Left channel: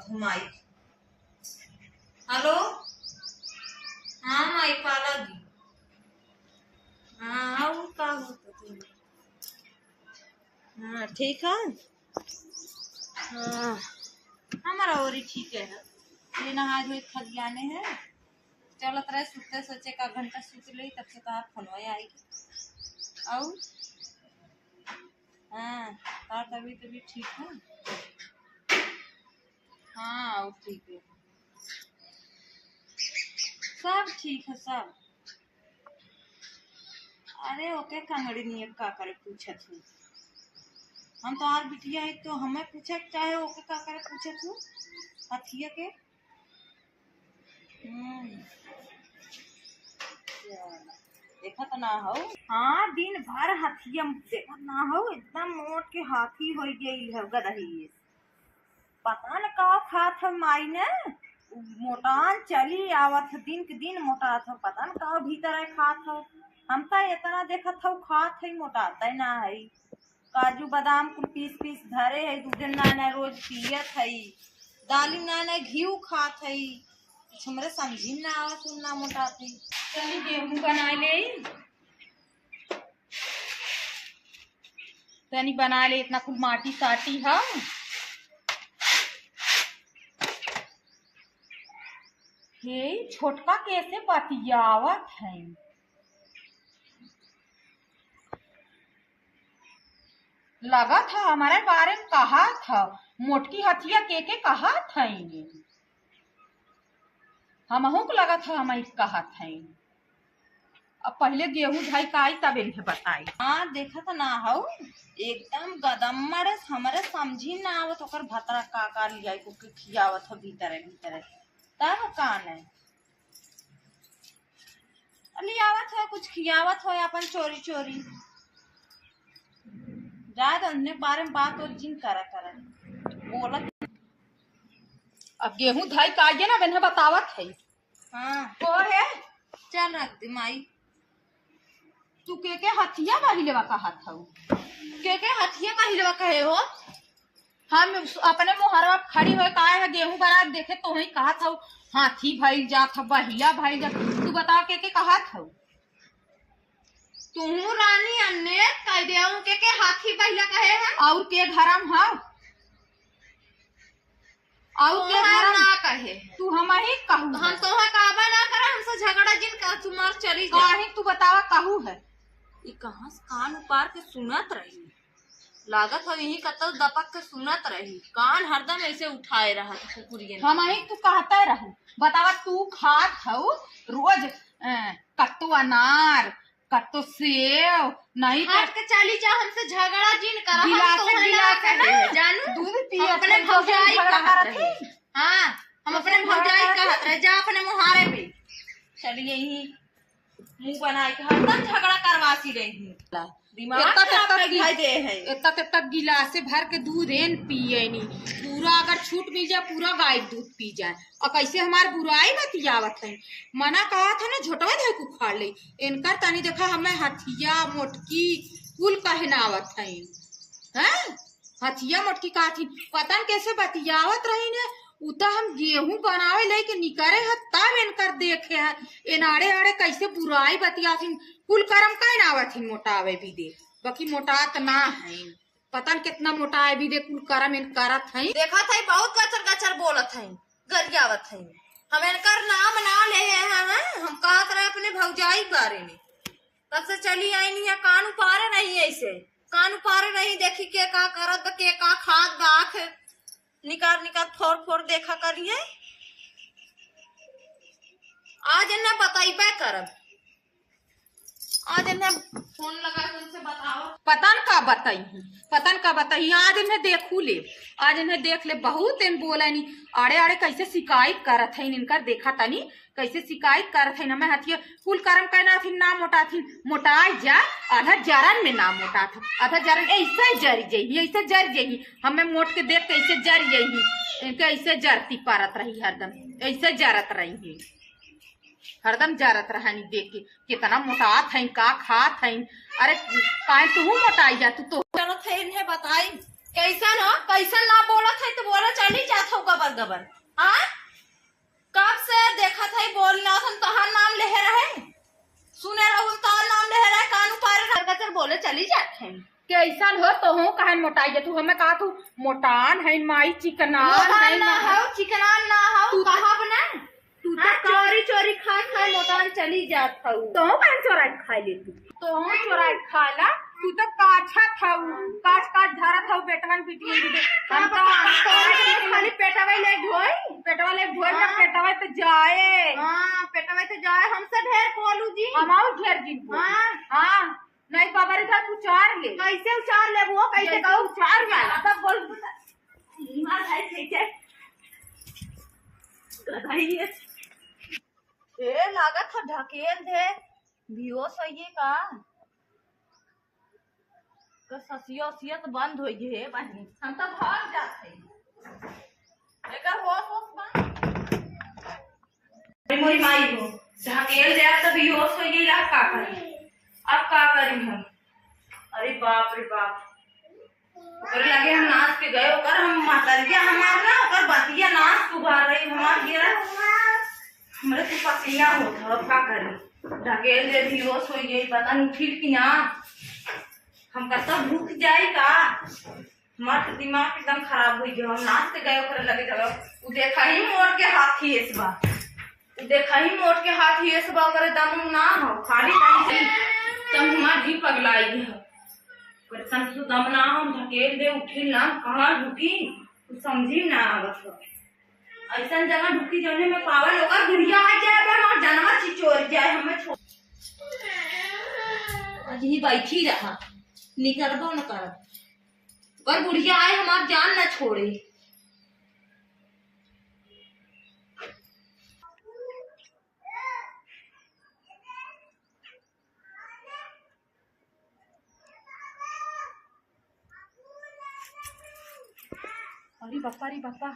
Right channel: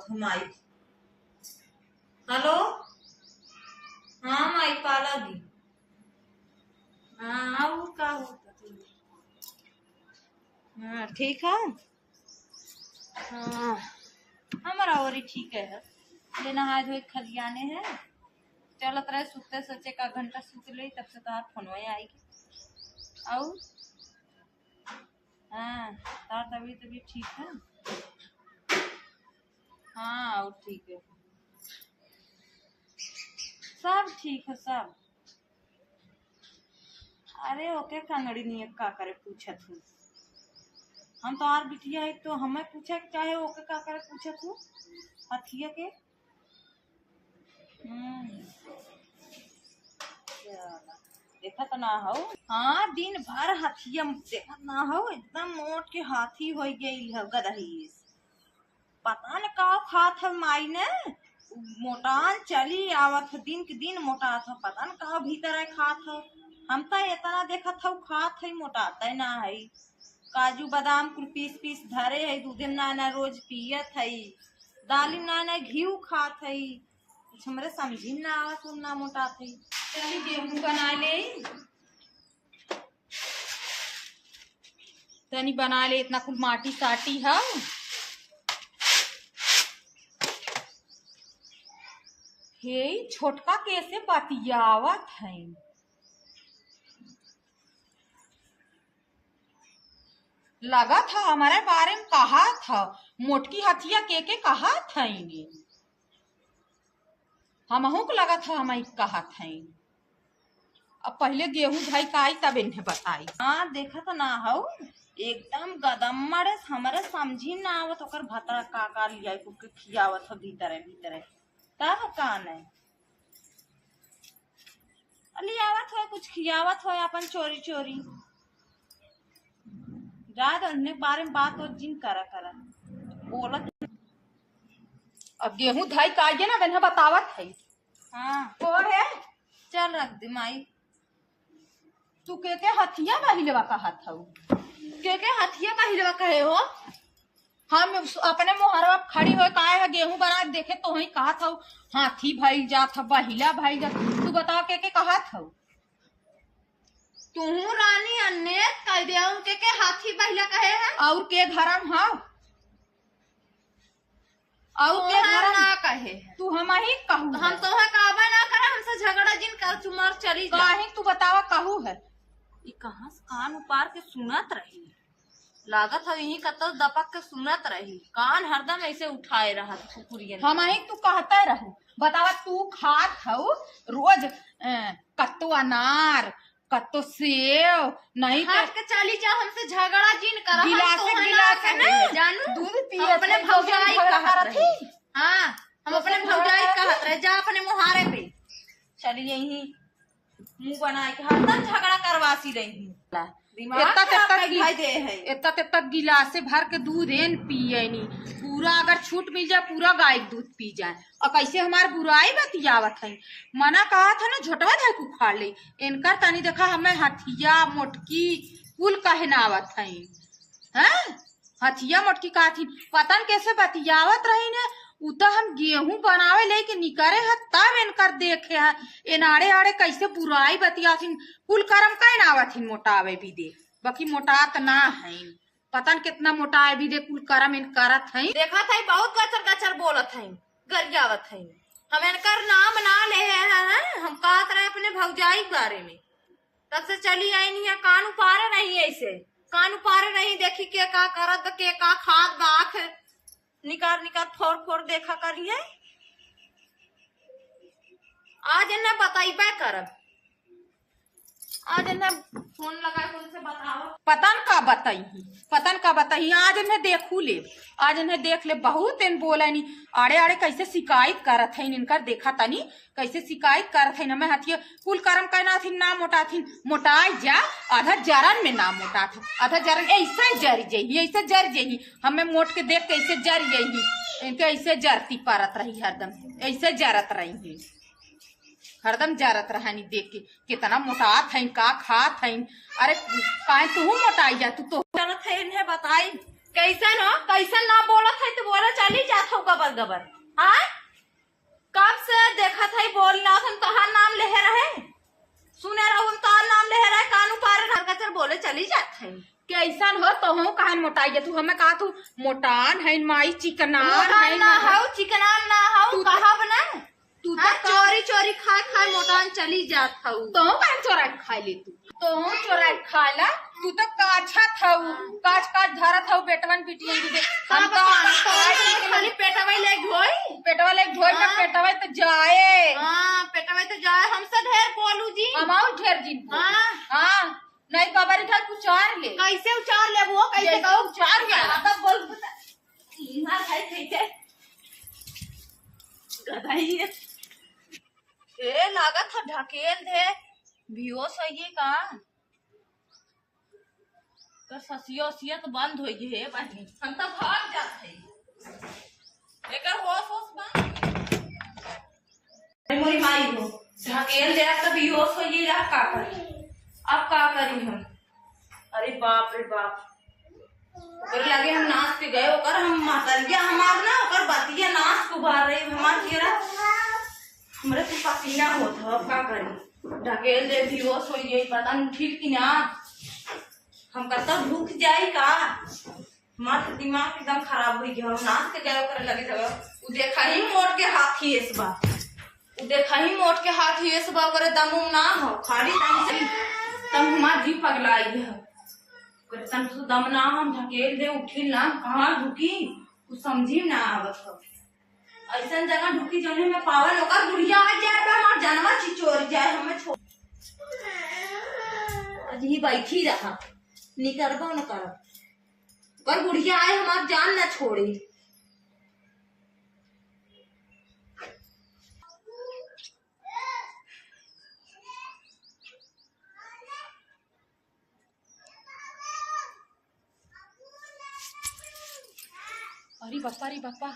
आवत हूँ माई। हेलो, हाँ माई पाला दी। हाँ आओ, का होता तुम? हाँ ठीक है। हाँ हमारा और ही ठीक है। ये नहाए धोए खलियाने है, चलत रहे सुते, सोचे का घंटा सूत ली तब से तार फोनवा आएगी। आओ हाँ, तार तभी ठीक है। हाँ और ठीक है, सब ठीक है सब। अरे ओके कंगड़ी नहीं का करे पूछत हूँ हम तो आर बिटिया है तो हमें पूछे चाहे ओके का करे पूछत हूँ हथिया के। देखा तो ना हो। हाँ दिन भर हथिया देखा ना हो, एकदम मोट के हाथी हो गई है गदही। पता न का खात है माई ने, मोटान चली आवत दिन के दिन मोटा था, पता न का भीतर है खात है। हम तो इतना देखा था खात है, मोटाता ना है। काजू बादाम कुल पीस पीस धरे है, दूध ना रोज पियत है, दाली ना घी खात है। हमरे समझी ना आवत ना मोटाते। चली गेहूं बना ले, तनी बना ले, इतना कुल माटी साटी है। हे छोटका कैसे बतियावत है। लगा था हमारे बारे में कहा था, मोटकी हथिया के कहा था इन्हें। हमहू को लगा था हम कहा था। अब पहले गेहूं धाई का आई तब इन्हें बताई। हाँ देखा तो ना हो, एकदम गदम्मड़ हमारे समझी ना आवत ओकर भतरा का लिया को खियावत हो भीतर तब कान है लियावत हो, कुछ खियावत हो अपन चोरी चोरी। जाए तो बारे में बात और जिन करा बोलत। अब गेहूं धाई का आइए ना मैंने बतावत है। हाँ वो है, चल रख दे माई। तू के हथिया महिलवा कहा था, के हथिया महिलवा कहे हो। हम अपने मोहरवा खड़ी हो कहा है गेहूं बना देखे तो ही कहा था हाथी भाई जात बहिला भाई जात। तू बताओ के कहा था तू रानी अन्ने कह दे के हाथी बहिला कहे है और के घरम है और के घर ना कहे। तू हम ही कहू, हम तो है काबा ना करा, हमसे झगड़ा जिन कर तुम्हार चली काहे। तू बतावा कहू है ये कहाँ से कान उपार के सुनत रही, लागत है यही कतौ दपक के सुनत रही, कान हरदम ऐसे उठाए रहा था कुकुरियन। हम ही तू कहते रहू, बतावा तू खात हो रोज कत्तो अनार कत्तो सेव नहीं हट के चली जा, हमसे झगड़ा जिन करा। हम तो है ना कहे जानू, दूध पिए अपने भौजाई कहत रही। हाँ हम अपने भौजाई कहत रहे, जा अपने मुहारे पे चलिए यही मुंह बनाए के हरदम झगड़ा करवासी रही। इतना गिलासे भर के दूध एन पिए नी, पूरा अगर छूट मिल जाए पूरा गाय दूध पी जाए। और कैसे हमार बुराई बतियावत है, मना कहा था ना झोटवा धाय को खा ले इनकर तनी देखा हमें हथिया मोटकी कुल कहनावत है। हथिया मोटकी कहा थी पता न कैसे बतियावत रही ने। उता हम गेहूं बनावे लेके निकरे है तब इनकर देखे है इनाड़े आड़े कैसे बुराई बतियाथिन। कुल करम कह नावथिन मोटावे भी दे, बाकी मोटात ना है, पता न कितना मोटाए भी दे कुल करम इन करत है। देखा था बहुत गचर गचर बोलत है, गरियावत है। हम इनकर नाम ना ले हैं, हम कहत रहे अपने भौजाई बारे में, तब से चली आई नहीं है। कान उपारे नहीं ऐसे, कान उपारे नहीं देखी के का करत के का खाद बाख निकाल निकाल फोड़ फोड़ देखा करिए। आज इन्हें बताइबे करब, आज इन्हें फोन लगा के उनसे बताओ। पता न का बताई, पता न का बताई। आज इन्हें देखू ले, आज इन्हें देख ले, बहुत इन बोला नहीं आड़े आड़े कैसे शिकायत करत है इनकर। देखा तनी कैसे शिकायत करत है। मैं हथिया कुल करम कहना थी ना मोटा थी, मोटाई जा आधा जरन में ना मोटा था, आधा जरन ऐसे जरी जही, ऐसे जर जही। हमें मोट के देख कैसे जर जही, इनके ऐसे जरती परत रही, हरदम ऐसे जरत रही, हरदम जरत रहनी देख के कितना मोटात है का खात है। अरे काहे तू मोटाई जा, तू तो चलत है इन्हें बताई कैसन हो, कैसन ना बोलत है तो बोला चली जात हो गबर गबर। हाँ कब से देखा था बोलना हम तोहार नाम ले रहे, सुने रहो तोहार नाम ले रहे, कानू पार बोले चली जात है। कैसन हो तो हो कहा मोटाई है तू, हमें कहा तू मोटान है माई चिकनान है ना हो, चिकनान ना हो तू कहा बना तू तो चोरी चोरी खा खा मोटान चली जात हूँ। तो कहा चोरा खा ले तू, तो चोरा खा ला तू तो काछा थाऊ, काच काच धरा थाऊ बेटवन बिटियन दे हम तो खाली पेटवा ले ढोई, पेटवा ले ढोई ना पेटवा तो जाए। हां पेटवा तो जाए, हमसे ढेर बोलू जी, हमाऊ ढेर जी। हां हां नहीं बाबा रे तू उचार ले, कैसे उचार ले वो, कैसे कहू उचार गया तब बोल मार भाई कैसे गधाई है। ए लागत था ढकेल दे बियोस होइए का कर ससिया तो बंद होई है बहनी, हम तो भाग जात है एकर होश बंद मोरी माई हो ढकेल दे अब तो बियोस होइए। अब का करी, अब का करी हम, अरे बाप रे बाप ओकर लगे हम नाच के गए ओकर हम मातलिया हमार ना ओकर बतिया नाच कुबार रही हमार गिरा हमरे तो पसीना होत अब का करी। ढकेल दे बियोस होइए पता नहीं ठीक कि ना, हम कहता भूख जाई का, हमार दिमाग एकदम खराब हो गया। हम नाच के गए ओकर लगे जगह उ देखा ही मोड़ के हाथ ही इस बार, उ देखा ही मोड़ के हाथ ही इस बार ओकर दम ना हो खाली दम से तम हमार जी पगलाई है ओकर तम से दम ना हम ढकेल दे उठिल ना कहां ढुकी तू समझी ना आवत हो। ऐसा जगह ढुकी जने में पावल ओकर गुड़िया आ जाए बे हमार जानवर चिचोर जाए हमें छोड़ आज ही बैठी रहा निकरबो न करब ओकर गुड़िया आए हमार जान न छोड़े। अरे बापा